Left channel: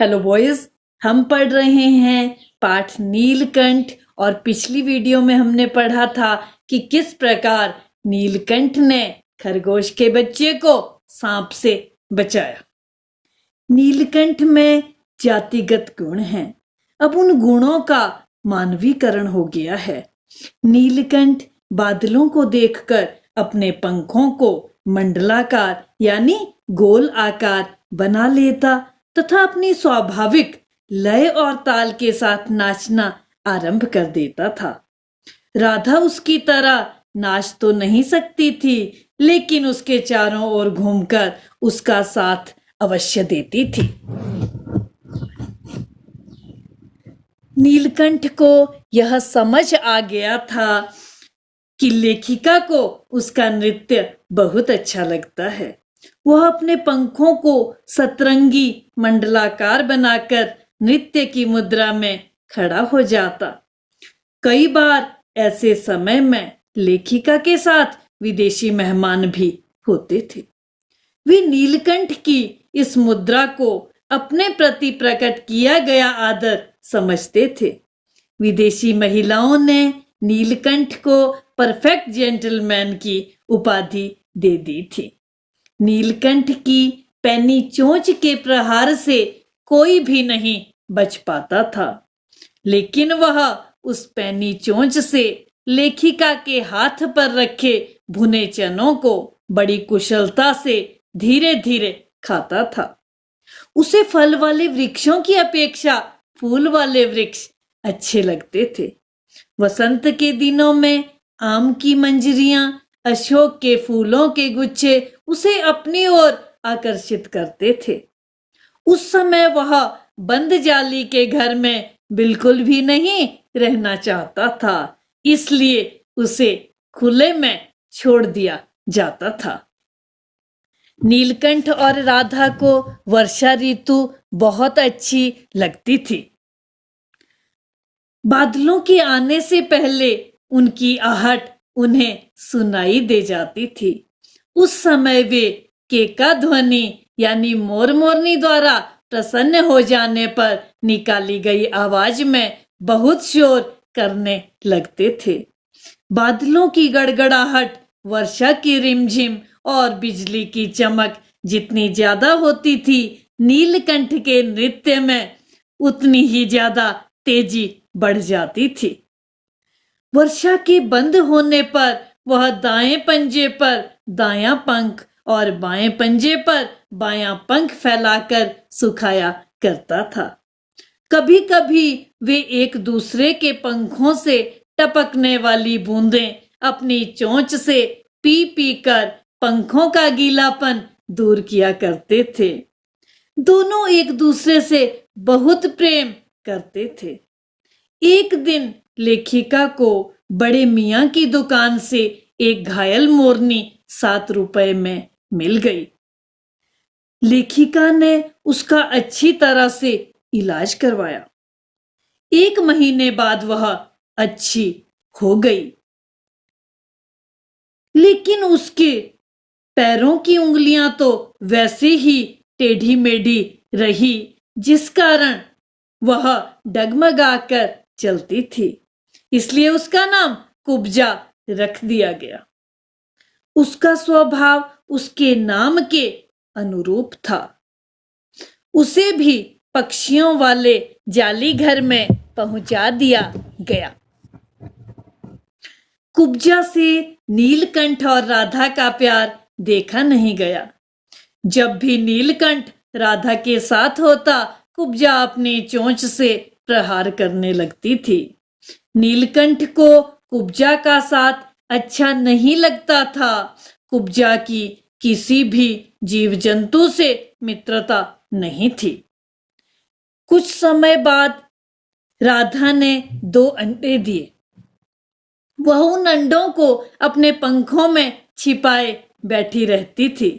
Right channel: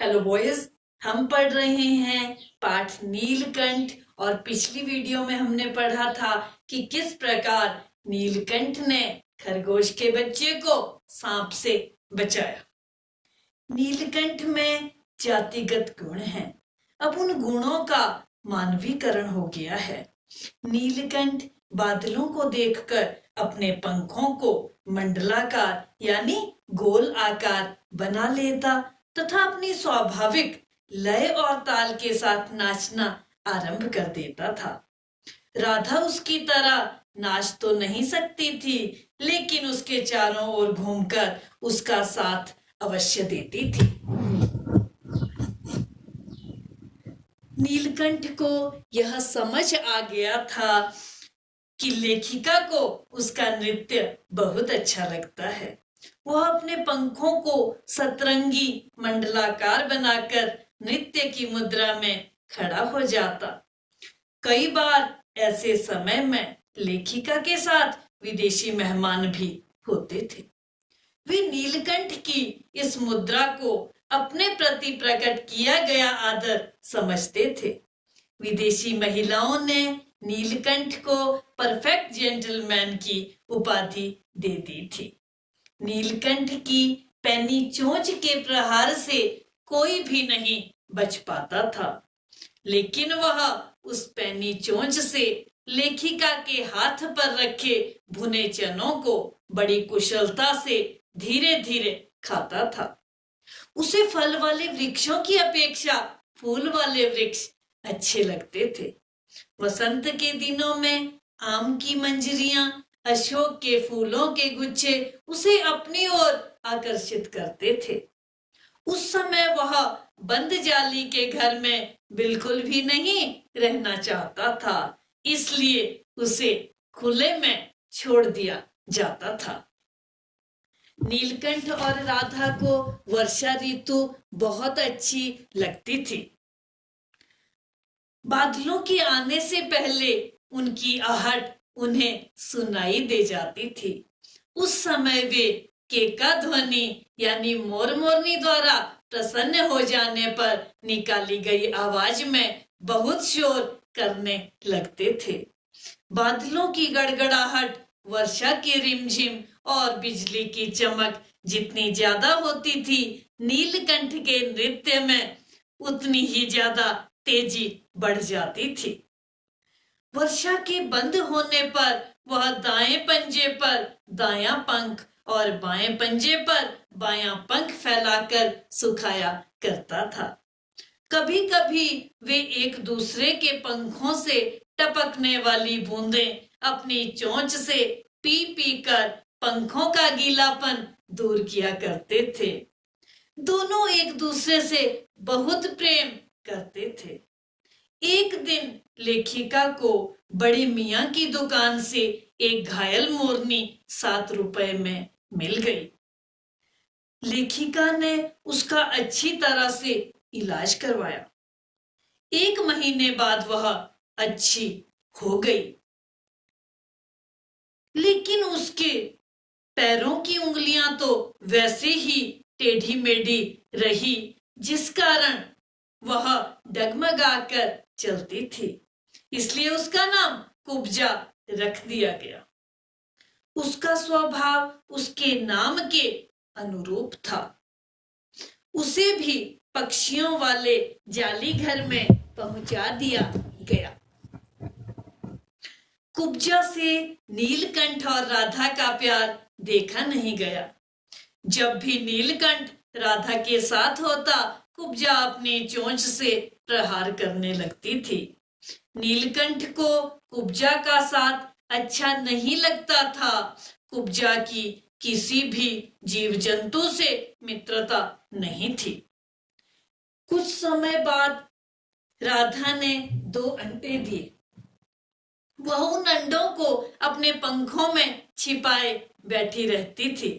Hello boys, हम पढ़ रहे हैं पाठ नीलकंठ। और पिछली वीडियो में हमने पढ़ा था कि किस प्रकार नीलकंठ ने खरगोश के बच्चे को सांप से बचाया। नीलकंठ में जातिगत गुण हैं। अब उन गुणों का मानवीकरण हो गया है। नीलकंठ बादलों को देखकर अपने पंखों को मंडलाकार यानी गोल आकार बना लेता तथा अपनी स्वाभाविक लय और ताल के साथ नाचना आरंभ कर देता था। राधा उसकी तरह नाच तो नहीं सकती थी, लेकिन उसके चारों ओर घूमकर उसका साथ अवश्य देती थी। नीलकंठ को यह समझ आ गया था कि लेखिका को उसका नृत्य बहुत अच्छा लगता है। वह अपने पंखों को सतरंगी मंडलाकार बनाकर नृत्य की मुद्रा में खड़ा हो जाता। कई बार ऐसे समय में लेखिका के साथ विदेशी मेहमान भी होते थे। वे नीलकंठ की इस मुद्रा को अपने प्रति प्रकट किया गया आदर समझते थे। विदेशी महिलाओं ने नीलकंठ को परफेक्ट जेंटलमैन की उपाधि दे दी थी। नीलकंठ की पैनी चोंच के प्रहार से कोई भी नहीं बच पाता था, लेकिन वह उस पैनी चोंच से लेखिका के हाथ पर रखे भुने चनों को बड़ी कुशलता से धीरे धीरे खाता था। उसे फल वाले वृक्षों की अपेक्षा फूल वाले वृक्ष अच्छे लगते थे। वसंत के दिनों में आम की मंजरियां, अशोक के फूलों के गुच्छे उसे अपनी ओर आकर्षित करते थे। उस समय वह बंद जाली के घर में बिल्कुल भी नहीं रहना चाहता था, इसलिए उसे खुले में छोड़ दिया जाता था। नीलकंठ और राधा को वर्षा ऋतु बहुत अच्छी लगती थी। बादलों के आने से पहले उनकी आहट उन्हें सुनाई दे जाती थी। उस समय वे केका ध्वनि यानी मोर मोरनी द्वारा प्रसन्न हो जाने पर निकाली गई आवाज में बहुत शोर करने लगते थे। बादलों की गड़गड़ाहट, वर्षा की रिमझिम और बिजली की चमक जितनी ज्यादा होती थी, नीलकंठ के नृत्य में उतनी ही ज्यादा तेजी बढ़ जाती थी। वर्षा के बंद होने पर वह दाएं पंजे पर दायां पंख और बाएं पंजे पर बायां पंख फैलाकर सुखाया करता था। कभी कभी वे एक दूसरे के पंखों से टपकने वाली बूंदें अपनी चोंच से पी पी कर पंखों का गीलापन दूर किया करते थे। दोनों एक दूसरे से बहुत प्रेम करते थे। एक दिन लेखिका को बड़े मियाँ की दुकान से एक घायल मोरनी 7 रुपए में मिल गई। लेखिका ने उसका अच्छी तरह से इलाज करवाया। 1 महीने बाद वह अच्छी हो गई, लेकिन उसके पैरों की उंगलियां तो वैसे ही टेढ़ी मेढ़ी रही, जिस कारण वह डगमगाकर चलती थी। इसलिए उसका नाम कुब्जा रख दिया गया। उसका स्वभाव उसके नाम के अनुरूप था। उसे भी पक्षियों वाले जाली घर में पहुंचा दिया गया। कुब्जा से नीलकंठ और राधा का प्यार देखा नहीं गया। जब भी नीलकंठ राधा के साथ होता, कुब्जा अपनी चोंच से प्रहार करने लगती थी। नीलकंठ को कुब्जा का साथ अच्छा नहीं लगता था। कुब्जा की किसी भी जीव जंतु से मित्रता नहीं थी। कुछ समय बाद राधा ने 2 अंडे दिए। वह उन अंडों को अपने पंखों में छिपाए बैठी रहती थी।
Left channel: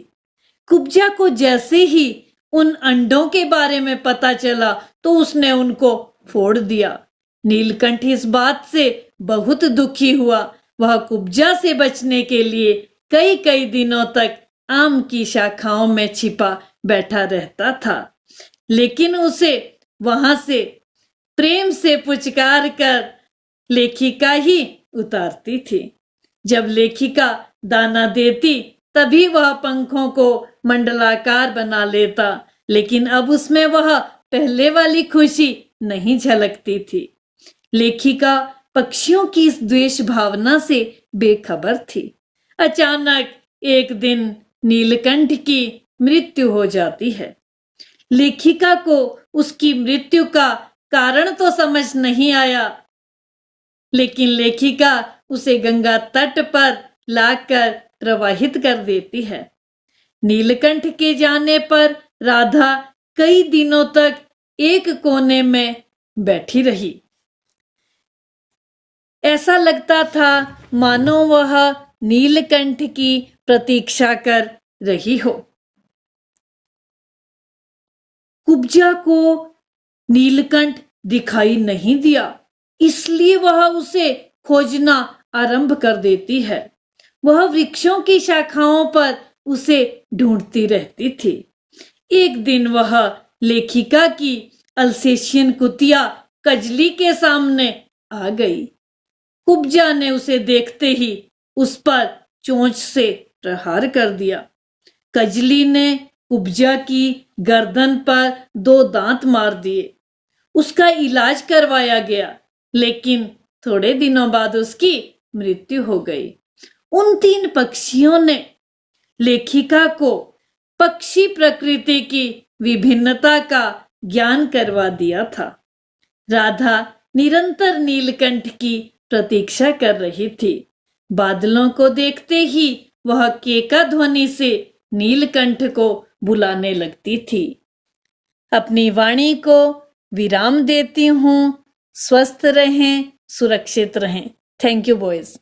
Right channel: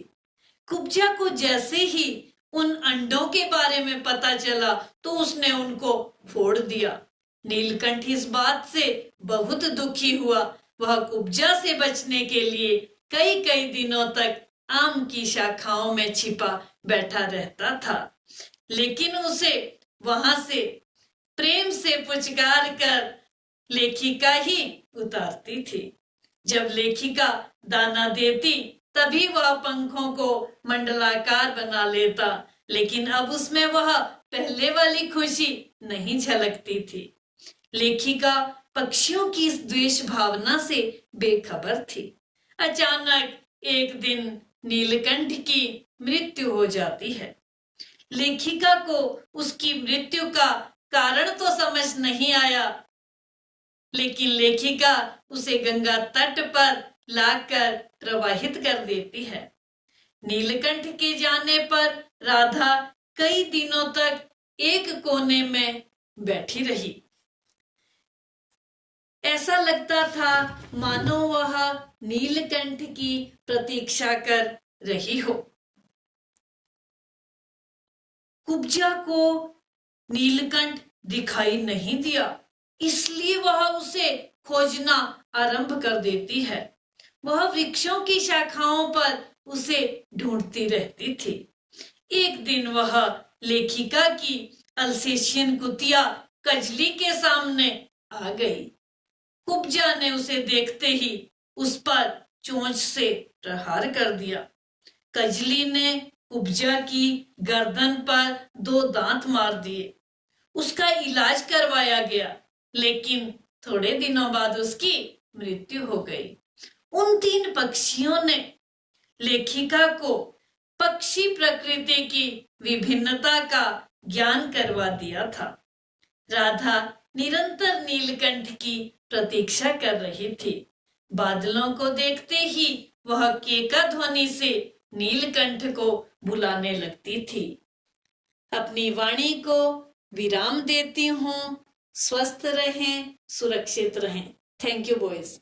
कुब्जा को जैसे ही उन अंडों के बारे में पता चला तो उसने उनको फोड़ दिया। नीलकंठ इस बात से बहुत दुखी हुआ। वह कुब्जा से बचने के लिए कई कई दिनों तक आम की शाखाओं में छिपा बैठा रहता था। लेकिन उसे वहां से प्रेम से पुचकार कर लेखिका ही उतारती थी। जब लेखिका दाना देती तभी वह पंखों को मंडलाकार बना लेता, लेकिन अब उसमें वह पहले वाली खुशी नहीं झलकती थी। लेखिका पक्षियों की इस द्वेष भावना से बेखबर थी। अचानक एक दिन नीलकंठ की मृत्यु हो जाती है। लेखिका को उसकी मृत्यु का कारण तो समझ नहीं आया, लेकिन लेखिका उसे गंगा तट पर लाकर प्रवाहित कर देती है। नीलकंठ के जाने पर राधा कई दिनों तक एक कोने में बैठी रही। ऐसा लगता था मानो वह नीलकंठ की प्रतीक्षा कर रही हो। कुब्जा को नीलकंठ दिखाई नहीं दिया, इसलिए वह उसे खोजना आरंभ कर देती है। वह वृक्षों की शाखाओं पर उसे ढूंढती रहती थी। एक दिन वह लेखिका की अल्सेशियन कुतिया कजली के सामने आ गई। कुब्जा ने उसे देखते ही उस पर चोंच से प्रहार कर दिया। कजली ने कुब्जा की गर्दन पर 2 दांत मार दिए। उसका इलाज करवाया गया, लेकिन थोड़े दिनों बाद उसकी मृत्यु हो गई। उन 3 पक्षियों ने लेखिका को पक्षी प्रकृति की विभिन्नता का ज्ञान करवा दिया था। राधा निरंतर नीलकंठ की प्रतीक्षा कर रही थी। बादलों को देखते ही वह केका ध्वनि से नीलकंठ को बुलाने लगती थी। अपनी वाणी को विराम देती हूँ। स्वस्थ रहें, सुरक्षित रहें। Thank you boys.